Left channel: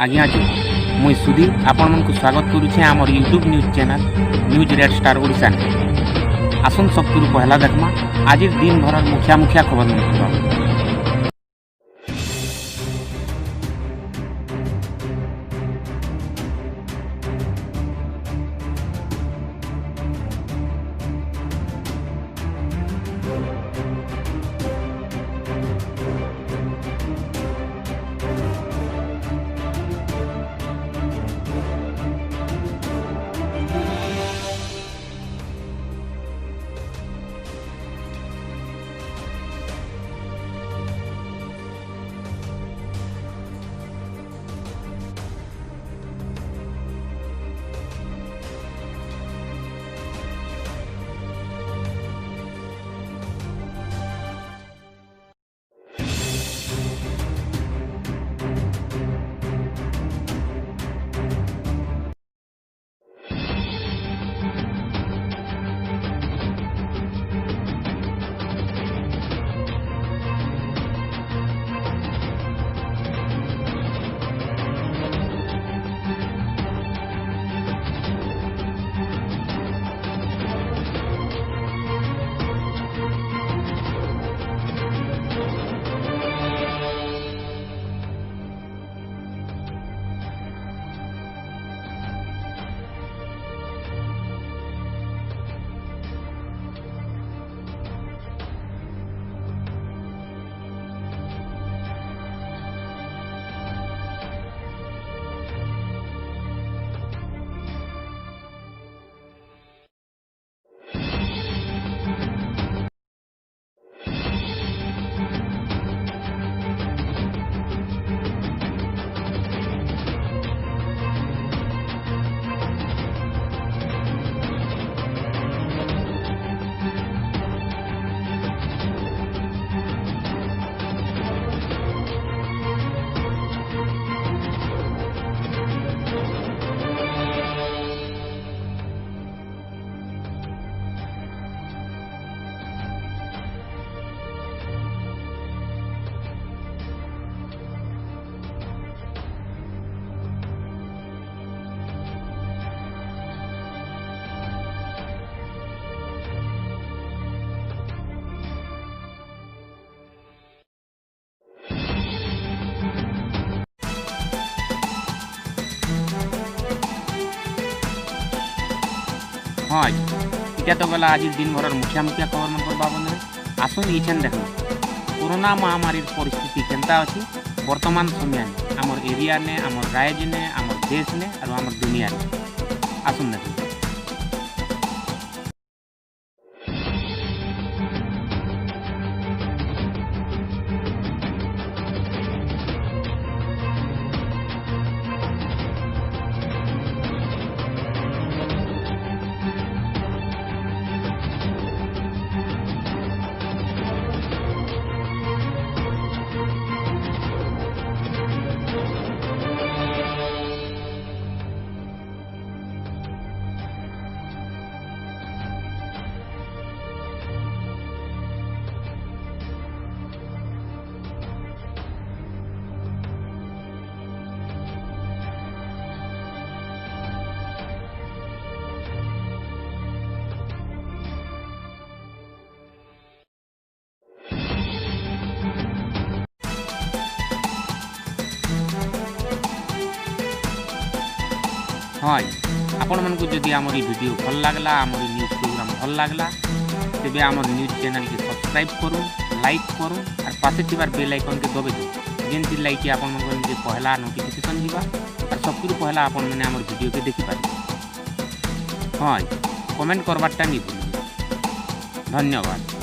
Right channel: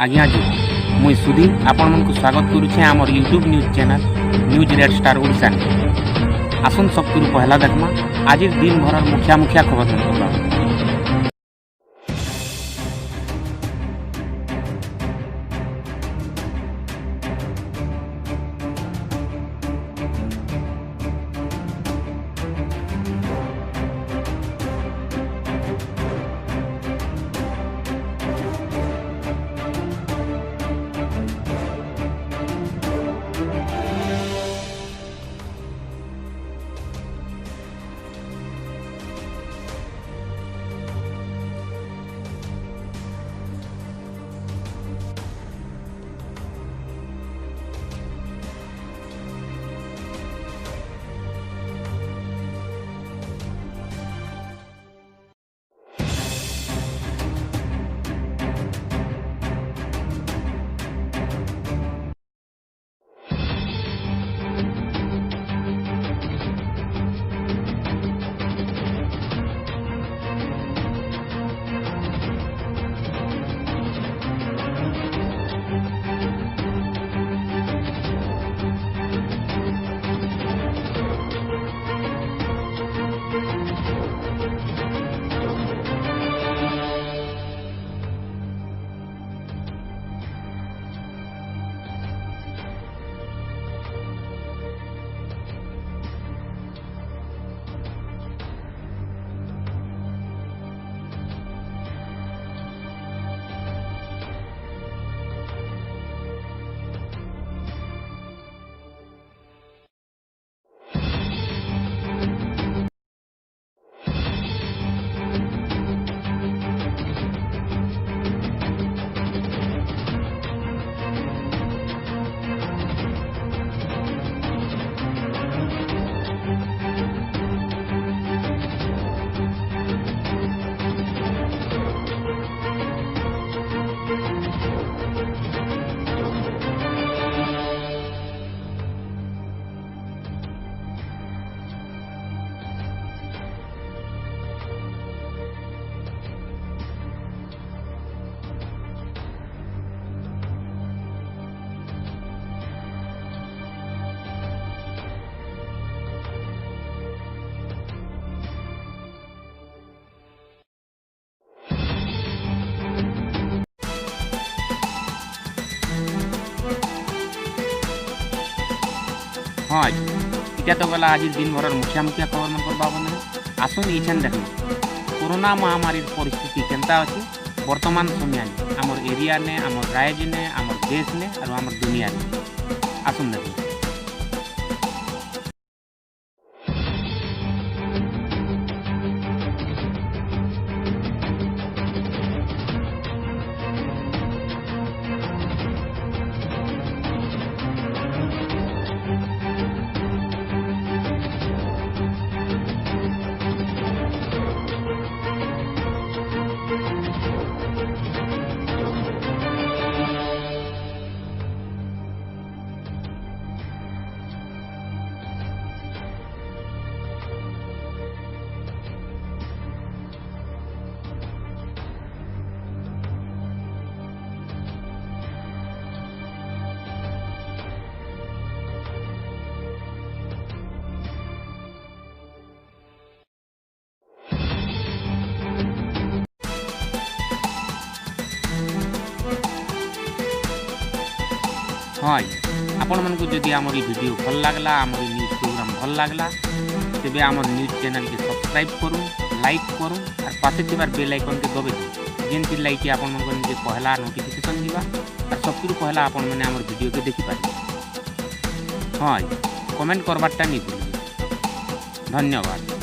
आज्ञा जुहार मुई सुधी आपण मन को स्वागत करुछे आमर YouTube news channel news red star Odisha ने आसन सबकु पहला देखमा आजिर दिन भर मुखिया मुखिया खबर मन करबा। हाँ इटा तो गला आज दिन भर मुखिया मुखिया खबर मन कर बाबन आसन इछन देखना कोरोना महामारी परिस्थिति केनता अच्छी वर्तमान समय आमर एरिया ने आमर राज्य ने आमर देश ने और आमर दुनिया ने आसन देखना। हाँ आपण मन को जदि आमर वीडियो भल लगला आमर न्यूज प्रोग्राम भल लगला तेबे आमर न्यूज चैनल के सब्सक्राइब करूँ लाइक करूँ और पासे थिबार बेल आइकन के दबे दो जेनथि लाइक आपण मन को पहला नोटिफिकेशन जीवा और सबकु पहला आपण मैंने आमर वीडियो के देखि पारे। हाँ कमेंट करवाटा नहीं भूलिए। धन्यवाद।